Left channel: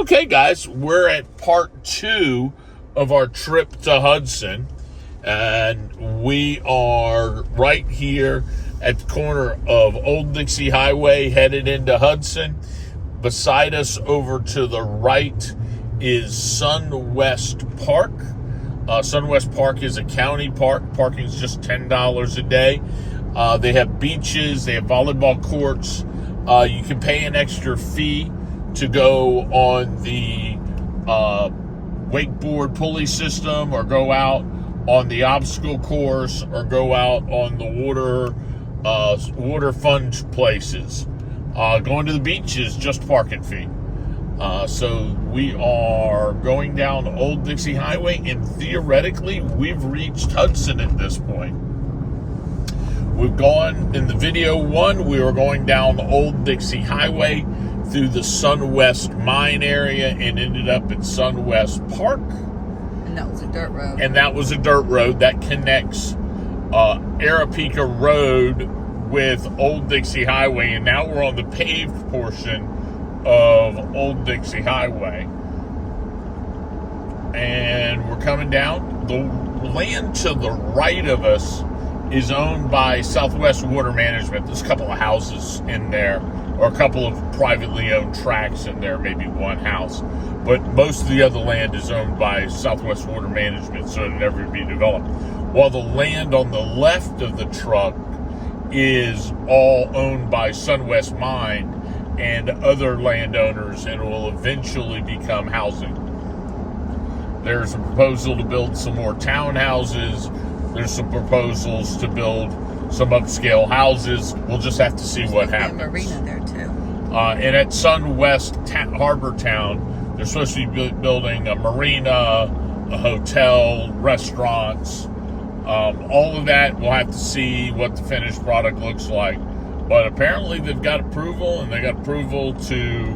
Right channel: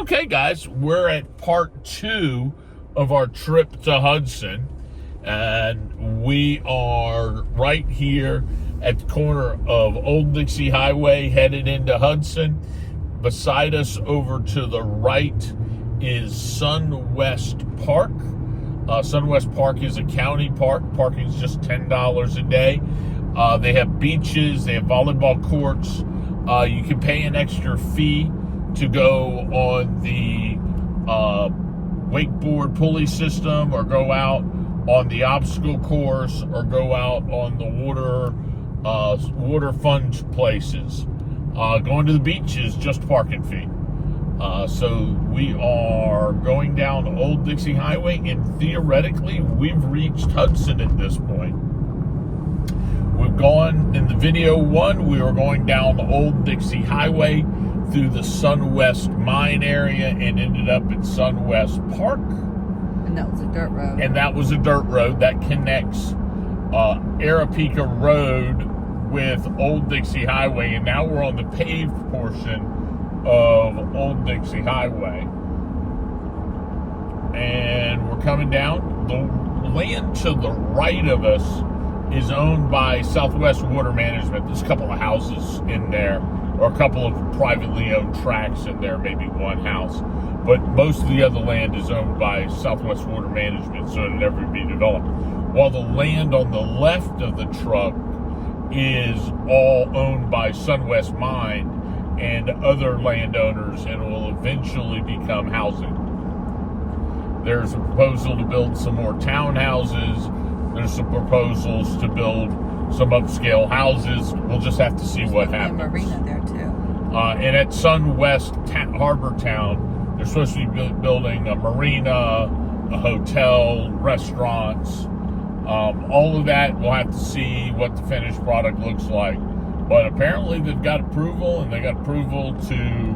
Okay, guys, we're at part 2 of our trip to Hudson, and we are right here at the corner of Old Dixie Highway headed into Hudson. Beside us over to the right is Sunwest Park. Sunwest Park is a county park. Parking is just $10 a day. They have beaches, they have volleyball courts. You can pay an extra fee to go on the wakeboard pulley system, or go out on the obstacle course, or go out on the water fun places. Going to the beach is just parking fee. So we are going down Old Dixie Highway, and theoretically we've reached Hudson at this point. We've gone, in the video 1, we were going down Old Dixie Highway through the Sunwest Mine area and ended up at Sunwest Park. And that was a dirt road. And that was a dirt road that connects Arapika Road with Old Dixie Highway. And now we're on the paved portion of Old Dixie Highway. And we're coming down. The land to the right of us is owned by Southwest Water Management. There's a couple of houses in there, or a couple of privately owned tracts in there, maybe one house. But most of the other land is owned by Southwest Water Management, so it'll never be developed. While the land on the left of the truck is all owned by Sunwest Mine and other landowners, and will eventually become housing. There's a proposal to build some more townhouses. There's some proposals to build some upscale houses. We'll just have to see what happens. There's a marina there too. And at Sunwest Harbor Town, they're supposed to be building a marina, a hotel, restaurants. All of that, we'll have to see what the finished product looks like. But apparently they've got approval, and they got approval to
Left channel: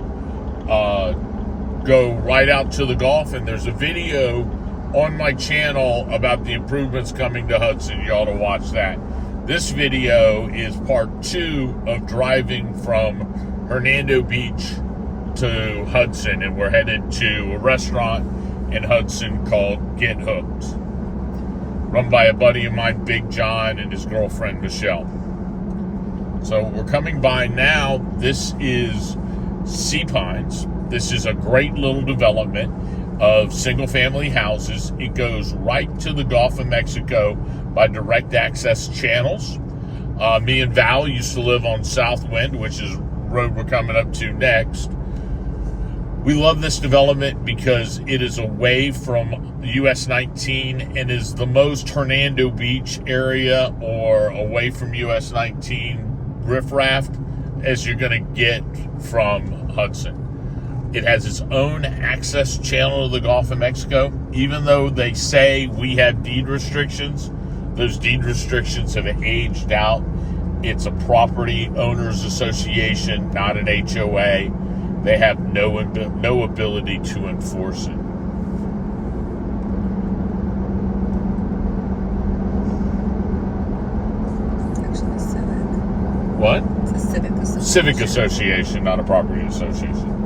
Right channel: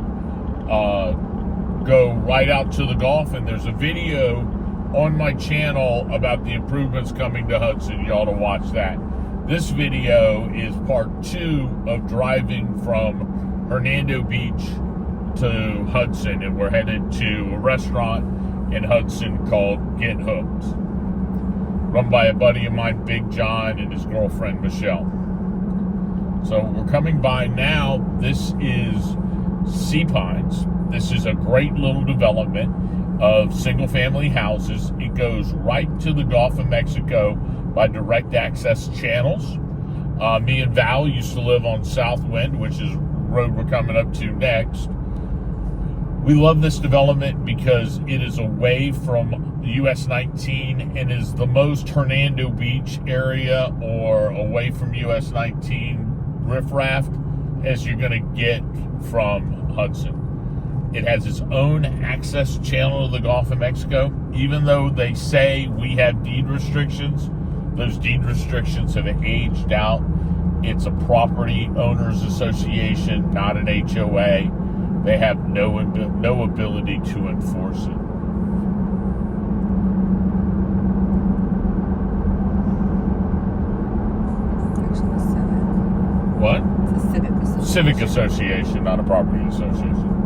go right out to the Gulf. And there's a video on my channel about the improvements coming to Hudson. You ought to watch that. This video is part 2 of driving from Hernando Beach to Hudson, and we're headed to a restaurant in Hudson called Get Hooked, run by a buddy of mine, Big John, and his girlfriend, Michelle. So we're coming by now. This is Sea Pines. This is a great little development of single-family houses. It goes right to the Gulf of Mexico by direct access channels. Me and Val used to live on Southwind, which is the road we're coming up to next. We love this development because it is away from US 19 and is the most Hernando Beach area, or away from US 19 riffraff, as you're going to get from Hudson. It has its own access channel to the Gulf of Mexico. Even though they say we have deed restrictions, those deed restrictions have aged out. It's a property owners association, not an HOA. They have no ability to enforce it. Actually, a civic. What? It's a civic association. Civic association, not a property association.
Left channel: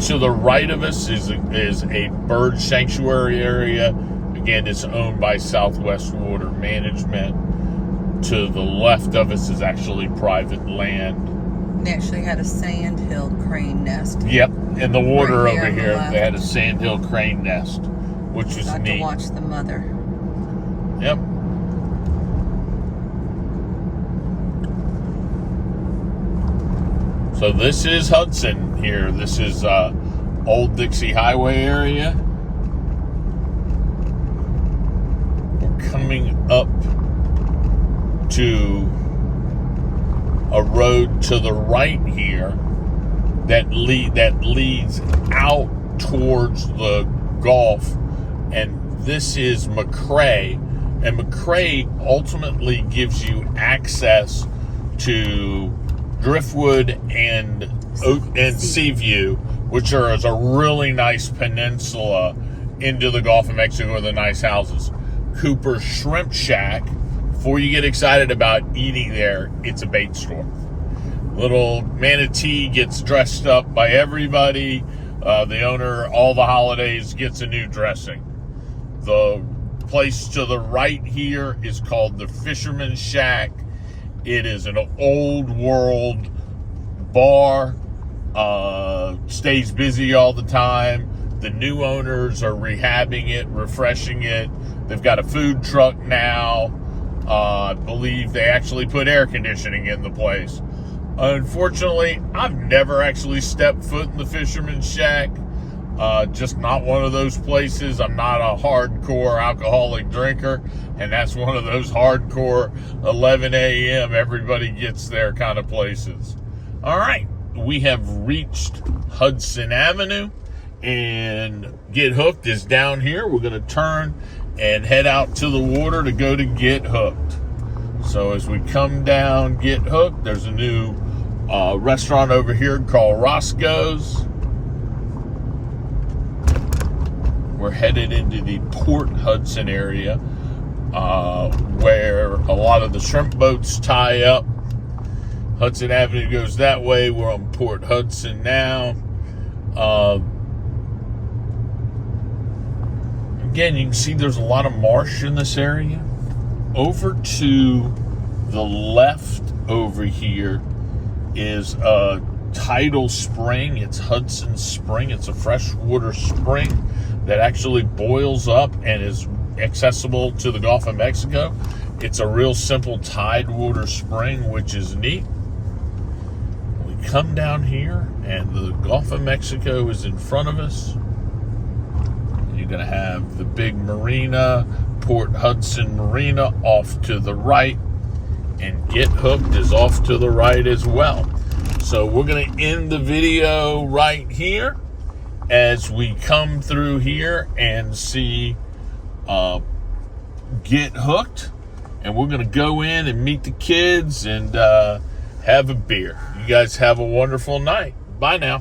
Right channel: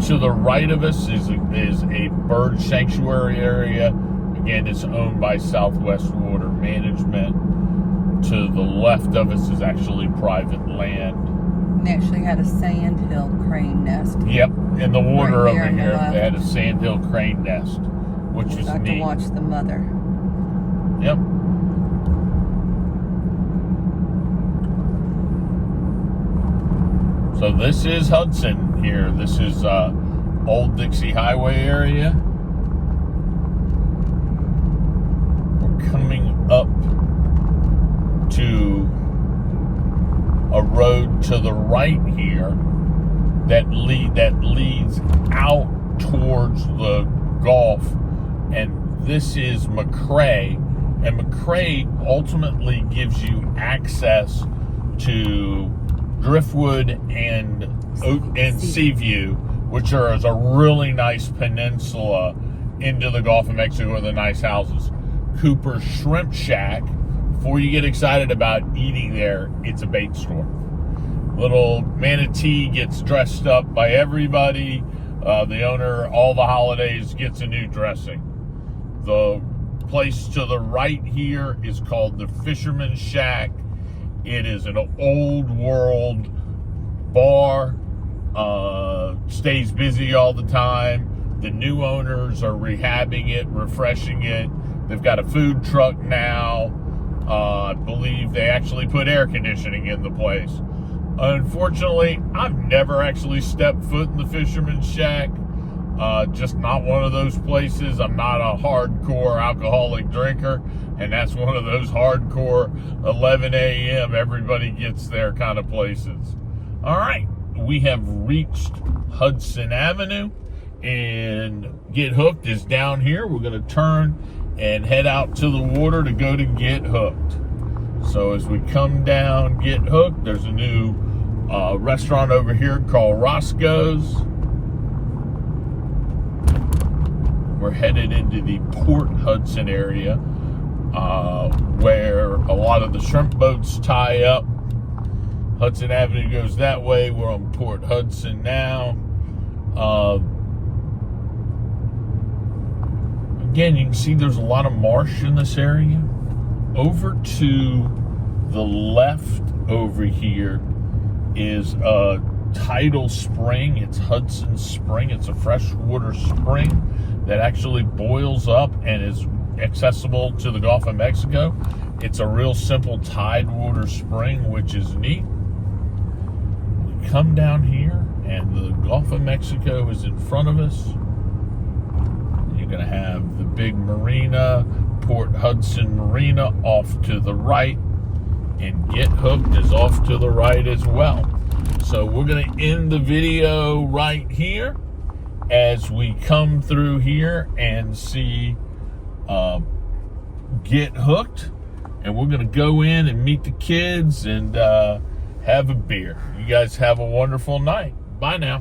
To the right of us is a bird sanctuary area. Again, it's owned by Southwest Water Management. To the left of us is actually private land. They actually had a sandhill crane nest. Yep, in the water Right over on the here, left. they had a sandhill crane nest, which was Got neat. to watch the mother. Yep. So this is Hudson here. This is Old Dixie Highway area. We're coming up to a road to the right here that leads out towards the Gulf, and this is McCrae, and McCrae ultimately gives you access to Driftwood and Seaview, which is a really nice peninsula into the Gulf of Mexico with the nice houses. Cooper's Shrimp Shack, before you get excited about eating there, it's a bait store. Little manatee gets dressed up by everybody. The owner, all the holidays, gets a new dressing. The place to the right here is called the Fisherman's Shack. It is an old world bar. Stays busy all the time. The new owners are rehabbing it, refreshing it. They've got a food truck now. I believe they actually put air conditioning in the place. Unfortunately, I've never actually stepped foot in the Fisherman's Shack. Just not one of those places. I'm not a hardcore alcoholic drinker, and that's one of those hardcore 11 a.m. everybody gets there kind of places. All right, we have reached Hudson Avenue, and Get Hooked is down here. We're going to turn and head out to the water to go to Get Hooked. So as we come down Get Hooked, there's a new restaurant over here called Roscoe's. We're headed into the Port Hudson area, where a lot of the shrimp boats tie up. Hudson Avenue goes that way. We're on Port Hudson now. Again, you can see there's a lot of marsh in this area. Over to the left over here is a tidal spring. It's Hudson Spring. It's a freshwater spring that actually boils up and is accessible to the Gulf of Mexico. It's a real simple tidewater spring, which is neat. We come down here and the Gulf of Mexico is in front of us. You're going to have the big marina, Port Hudson Marina, off to the right, and Get Hooked is off to the right as well. So we're going to end the video right here as we come through here and see Get Hooked, and we're going to go in and meet the kids and have a beer. You guys have a wonderful night. Bye now.